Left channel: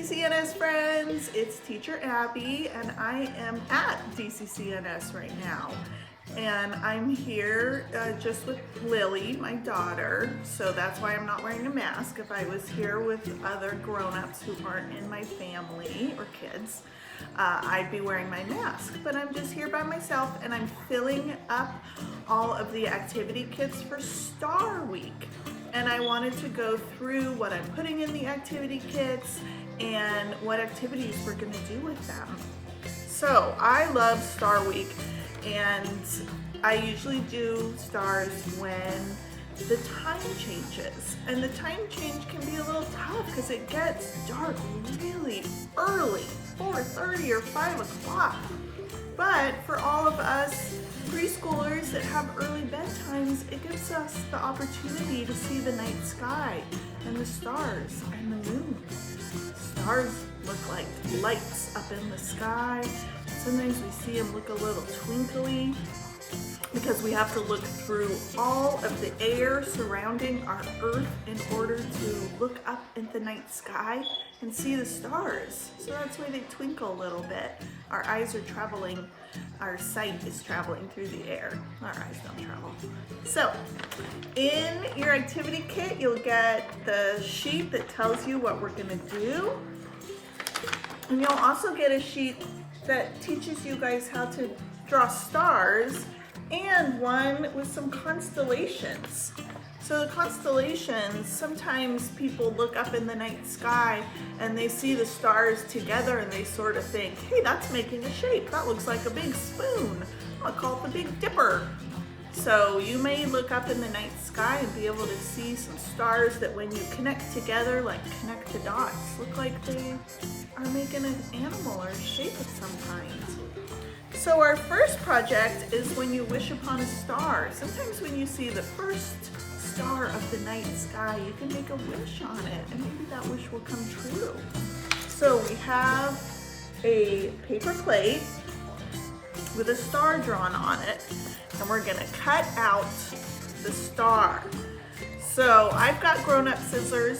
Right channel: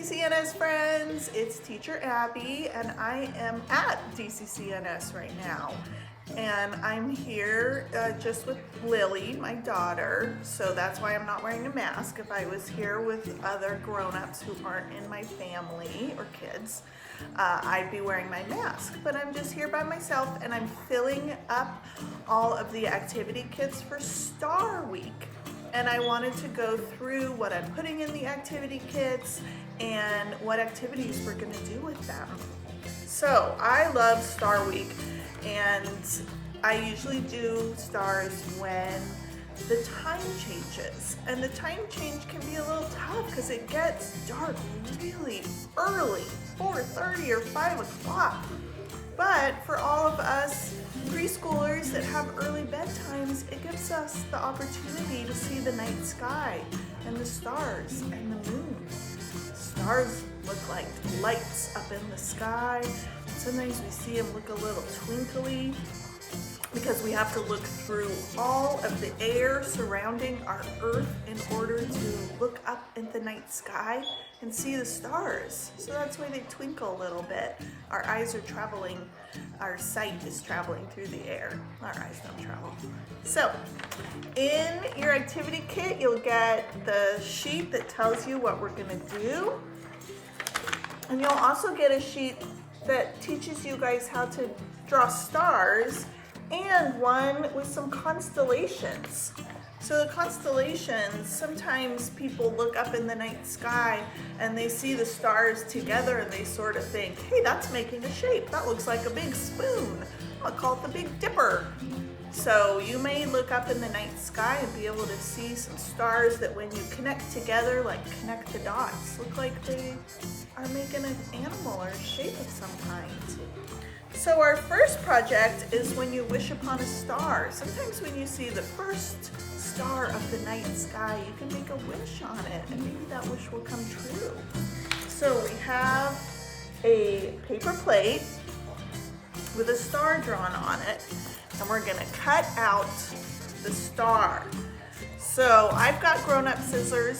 DCCNS friends, it's Teacher Abby and I am at DCCNS right now. And I'm here just with Lily, my daughter, so that's why I'm not wearing a mask. If I was here with other grown-ups who aren't in my family or kids, I'd be wearing my mask. But I'm just here by myself and I'm filling up all of the activity kits for Star Week. And I wanted to go through what I'm putting in the activity kits and what activities we're gonna do with them. So I love Star Week, and I usually do stars when the time changes. And the time change can be a little tough because it gets dark really early, 4:30 or 5 o'clock. But for all of us preschoolers that have early bedtimes, it gives us the opportunity to see the night sky and the stars and the moon. Stars look like lights up in the sky. Sometimes we see them look a little twinkly because we have to look through all of the air surrounding our Earth in order to look up at the night sky and see the stars. So that's why they twinkle a little bit. Our eyes are traveling, our sight is traveling through the air. Our eyes don't travel. So in your activity kit, you'll get the sheet that tells you what we're gonna do. And you'll also get a sheet that teaches you guys how to draw stars and one with some constellations. So the constellations, sometimes people look up in the night sky and they see the stars together and they sort of think, hey, that's making a shape. That looks like a big spoon. I'll call it the Big Dipper. So you may look up in the night sky and be able to see some stars that when you connect together, like connect the dots, look like they are making an animal or a shape of some kind. So our first project is when you wish upon a star. Sometimes when you see the first star of the night sky, you can make a wish on it and maybe that wish will come true. So we have a paper plate with a star drawn on it and we're gonna cut out the star. So I've got grown-up scissors.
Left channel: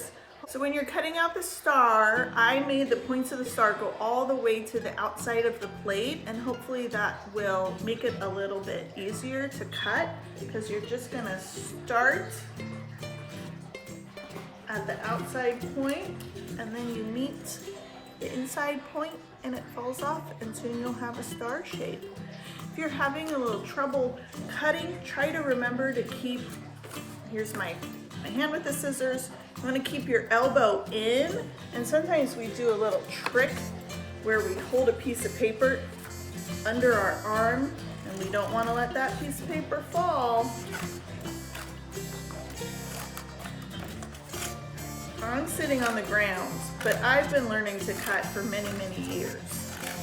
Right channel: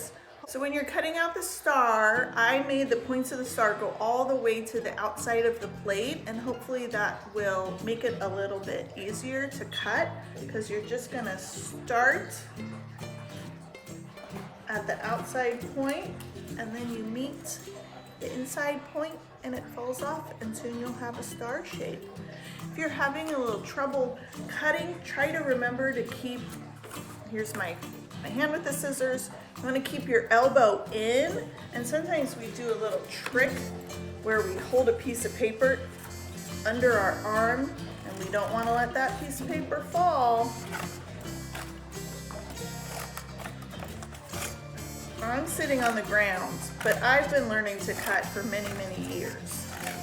So when you're cutting out the star, I made the points of the star go all the way to the outside of the plate, and hopefully that will make it a little bit easier to cut because you're just gonna start at the outside point and then you meet the inside point and it falls off and soon you'll have a star shape. If you're having a little trouble cutting, try to remember to keep, here's my hand with the scissors. You want to keep your elbow in, and sometimes we do a little trick where we hold a piece of paper under our arm and we don't want to let that piece of paper fall. I'm sitting on the ground, but I've been learning to cut for many, many years.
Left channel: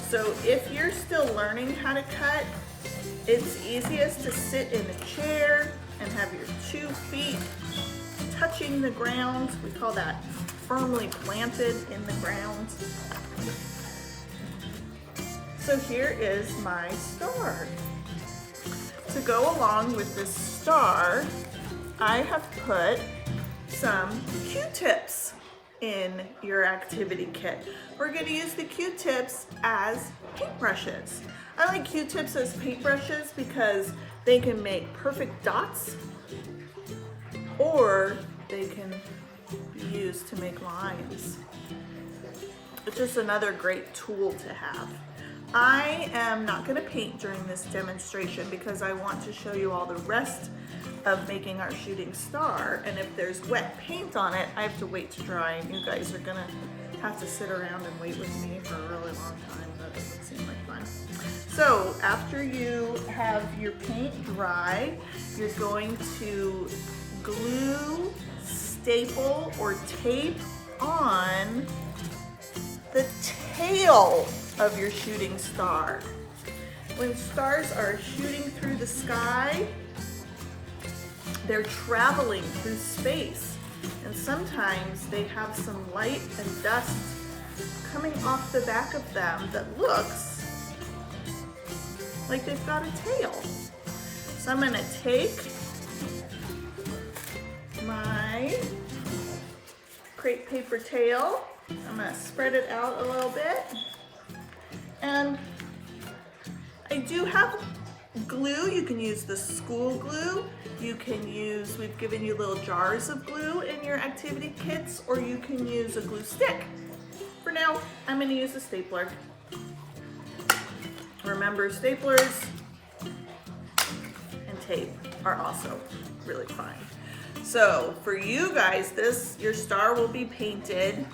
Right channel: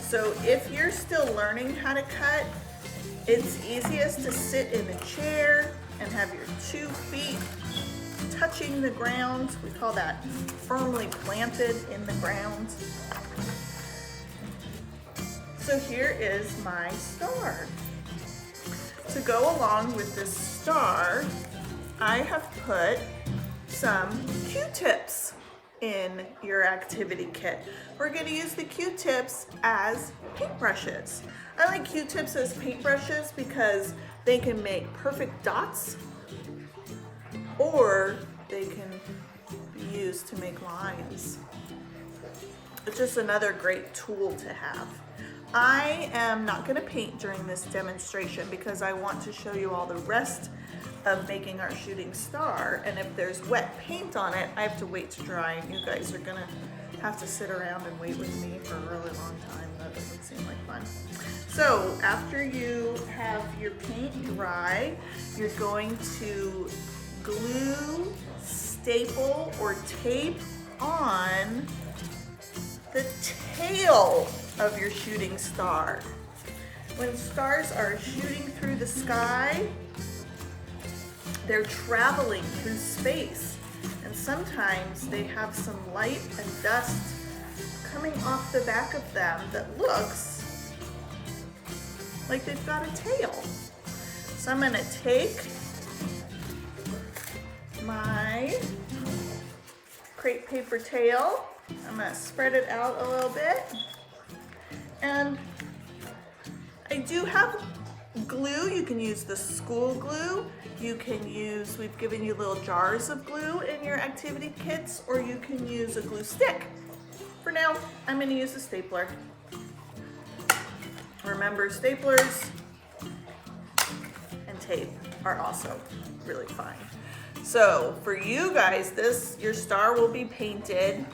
So if you're still learning how to cut, it's easiest to sit in a chair and have your 2 feet touching the ground. We call that firmly planted in the ground. So here is my star. To go along with this star, I have put some Q-tips in your activity kit. We're going to use the Q-tips as paintbrushes. I like Q-tips as paintbrushes because they can make perfect dots, or they can be used to make lines. It's just another great tool to have. I am not going to paint during this demonstration because I want to show you all the rest of making our shooting star, and if there's wet paint on it, I have to wait to dry, and you guys are gonna have to sit around and wait with me for a really long time. That doesn't seem like fun. So after you have your paint dry, you're going to glue, staple, or tape on the tail of your shooting star. When stars are shooting through the sky, they're traveling through space, and sometimes they have some light and dust coming off the back of them that looks like they've got a tail. So I'm gonna take my crepe paper tail I'm gonna spread it out a little bit. And I do have glue. You can use the school glue. You can use, we've given you little jars of glue in your activity kits, or you can use a glue stick. For now, I'm gonna use a stapler. Remember, staplers and tape are also really fine. So for you guys, your star will be painted,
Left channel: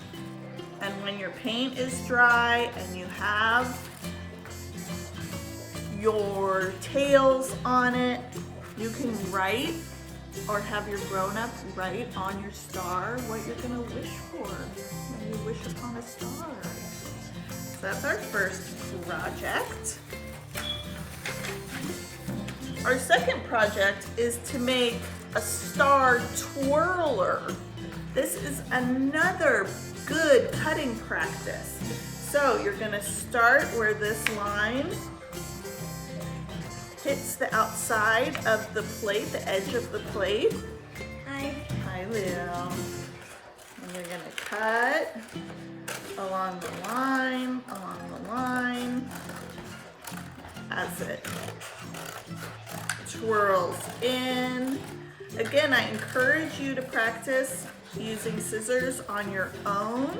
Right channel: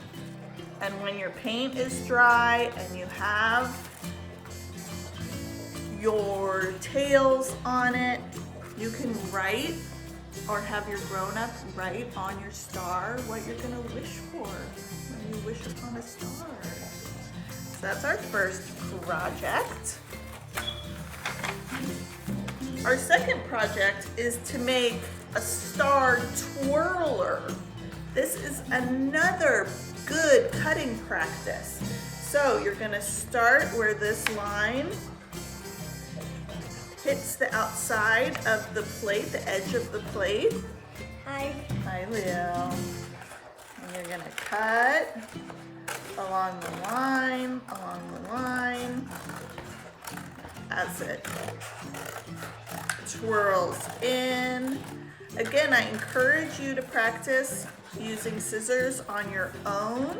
and when your paint is dry and you have your tails on it, you can write or have your grown-up write on your star what you're gonna wish for when you wish upon a star. So that's our first project. Our second project is to make a star twirler. This is another good cutting practice. So you're gonna start where this line hits the outside of the plate, the edge of the plate. Hi, Lil. And you're gonna cut along the line, That's it. Twirls in. Again, I encourage you to practice using scissors on your own,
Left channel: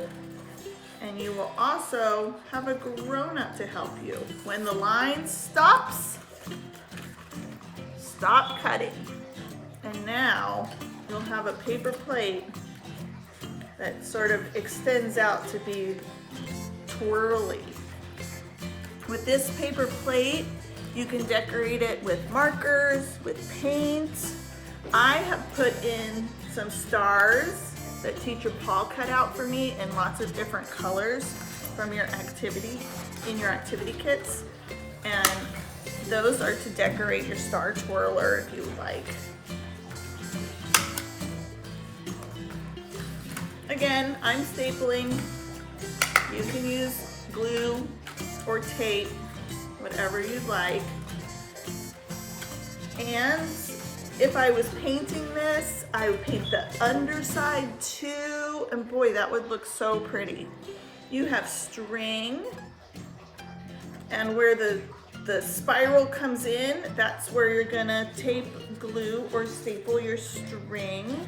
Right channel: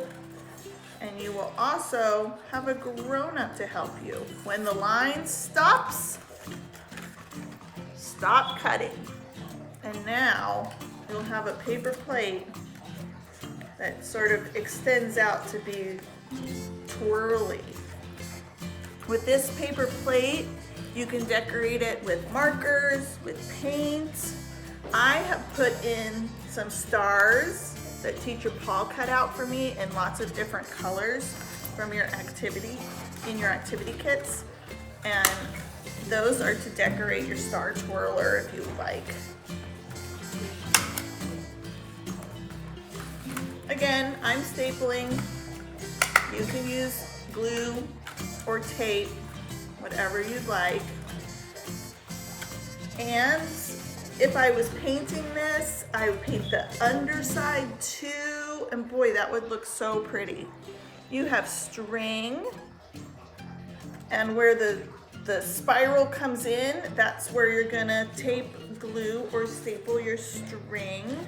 and you will also have a grown-up to help you. When the line stops, stop cutting. And now you'll have a paper plate that sort of extends out to be twirly. With this paper plate, you can decorate it with markers, with paint. I have put in some stars that Teacher Paul cut out for me in lots of different colors from your activity, in your activity kits. And those are to decorate your star twirler if you like. Again, I'm stapling. You can use glue or tape, whatever you'd like. And if I was painting this, I would paint the underside too, and boy, that would look so pretty. You have string, and where the spiral comes in, that's where you're gonna tape, glue, or staple your string.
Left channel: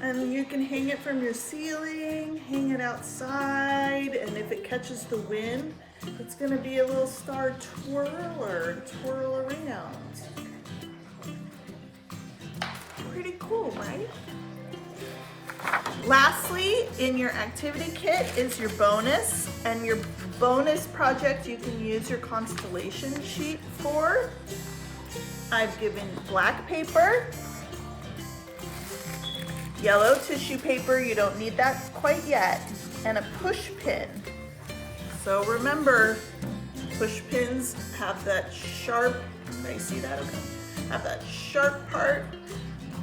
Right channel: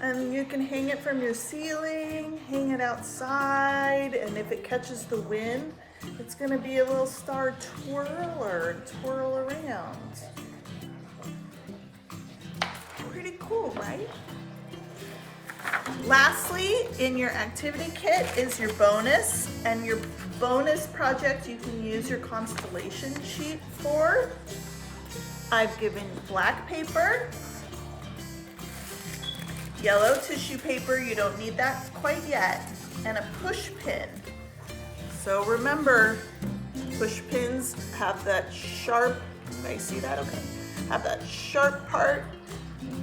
And you can hang it from your ceiling, hang it outside, and if it catches the wind, it's gonna be a little star twirler, twirl around. Pretty cool, right? Lastly, in your activity kit is your bonus, and your bonus project you can use your constellation sheet for. I've given black paper, yellow tissue paper, you don't need that quite yet, and a push pin. So remember, push pins have that sharp, can I see that? Okay. Have that sharp part.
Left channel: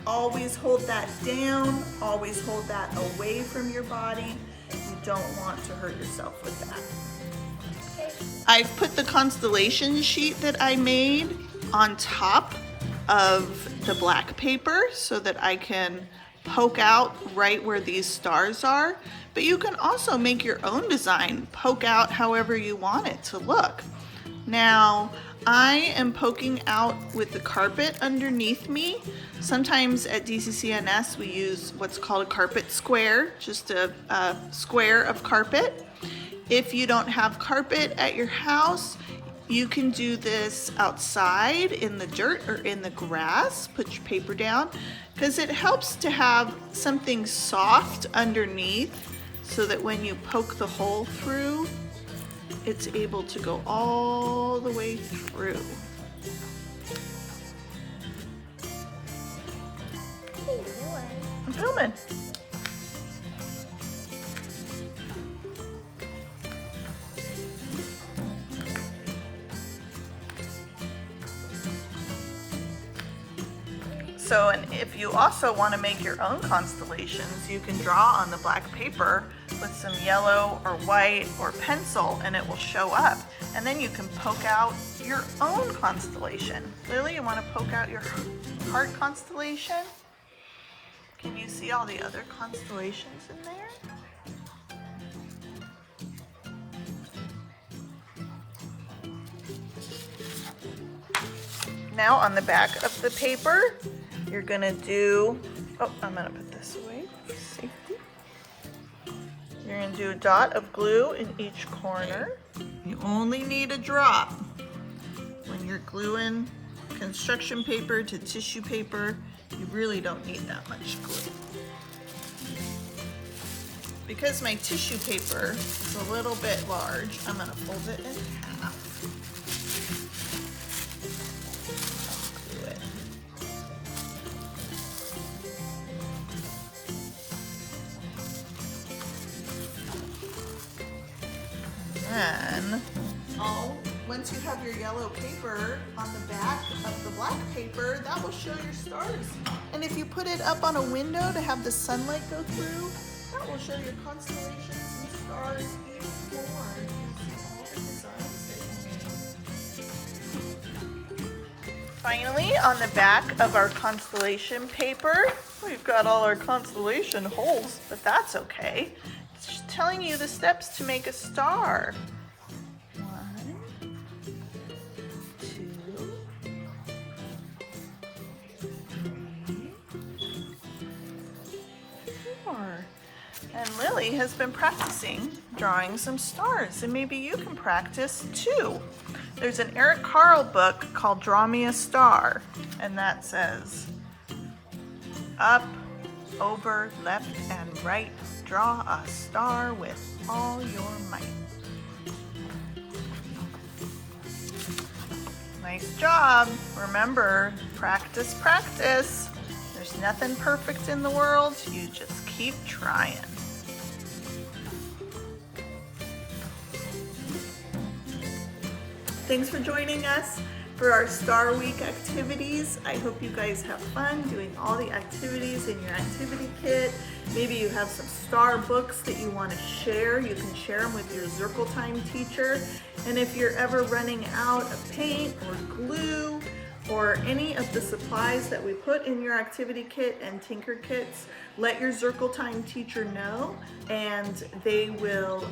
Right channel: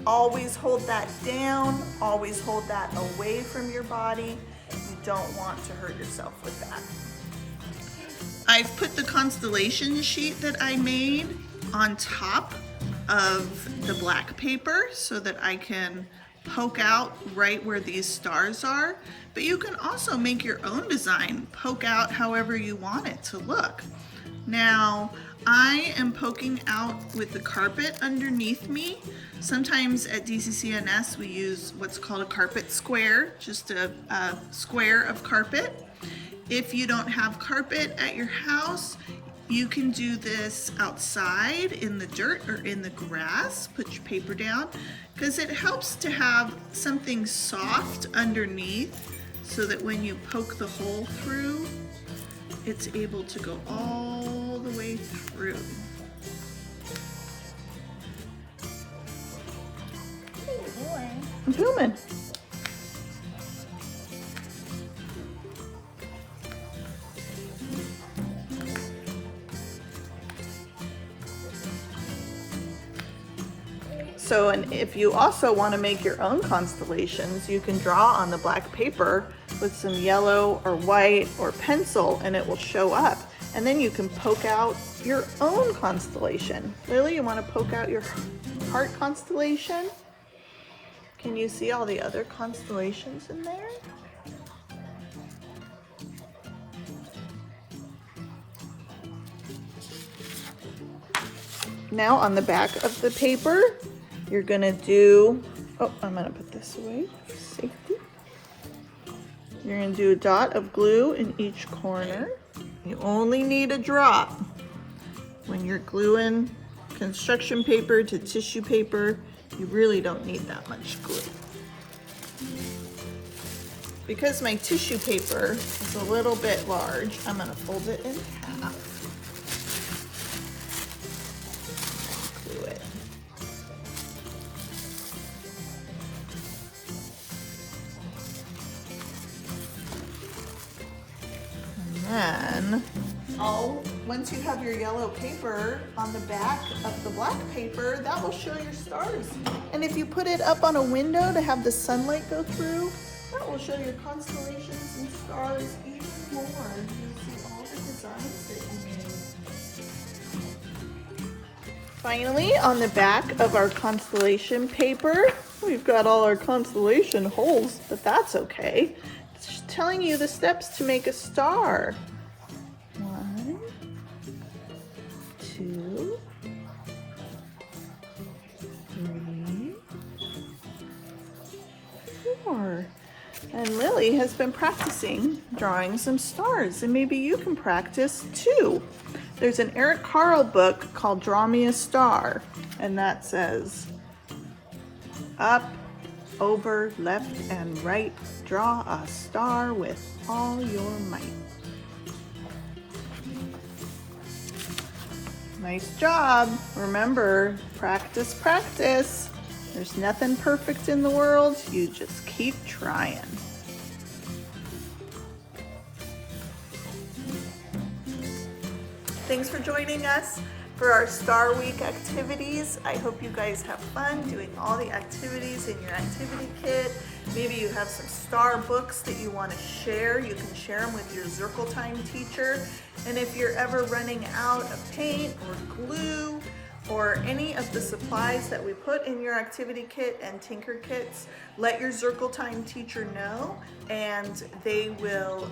Always hold that down, always hold that away from your body. You don't want to hurt yourself with that. I've put the constellation sheet that I made on top of the black paper so that I can poke out right where these stars are, but you can also make your own design, poke out however you want it to look. Now, I am poking out with the carpet underneath me. Sometimes at DCCNS we use what's called a carpet square, just a square of carpet. If you don't have carpet at your house, you can do this outside in the dirt or in the grass. Put your paper down, because it helps to have something soft underneath so that when you poke the hole through, it's able to go all the way through. What are you doing? I'm filming. So, and if you also want to make your own constellations, you can draw on the black paper with some yellow or white or pencil, and it will show up. And then you can poke out your own constellation. Lily, you want to poke out your heart constellation? Can you see all the other constellations in there? Now on the back of the paper, you're gonna do, oh, I'm gonna put this away for safety. You're gonna do a dot of glue in each corner. You only need a drop when you're gluing construction paper to tissue paper. You really don't need that much glue. Because my tissue paper is a little bit large, I'm gonna fold it in half. Glue it. And then, once you have your yellow paper on the back of the black paper, that will show your stars. And if you put it up on a window to have the sunlight go through, that will show your constellations and stars even more. You see all the designs that you made. Finally, on the back of our constellation paper, we've got all our constellation holes, but that's okay. It's just telling you the steps to make a star. 1, 2, 3, 4. And Lily has been practicing drawing some stars, and maybe you can practice too. There's an Eric Carle book called Draw Me a Star, and that says, up, over, left, and right, draw a star with all your might. Nice job. Remember, practice, practice. There's nothing perfect in the world. You just keep trying. Thanks for joining us for our Star Week activities. I hope you guys have fun doing all the activities in your activity kit. Maybe you have some star books that you want to share. You can share them with your Zircle Time teacher. And if you're ever running out of paint or glue or any of the supplies that we put in your activity kit and Tinker kits, let your Zircle Time teacher know, and they will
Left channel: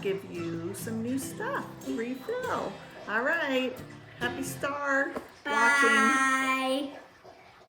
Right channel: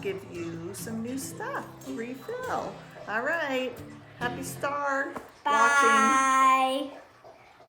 give you some new stuff. Refill. All right. Happy star watching. Bye.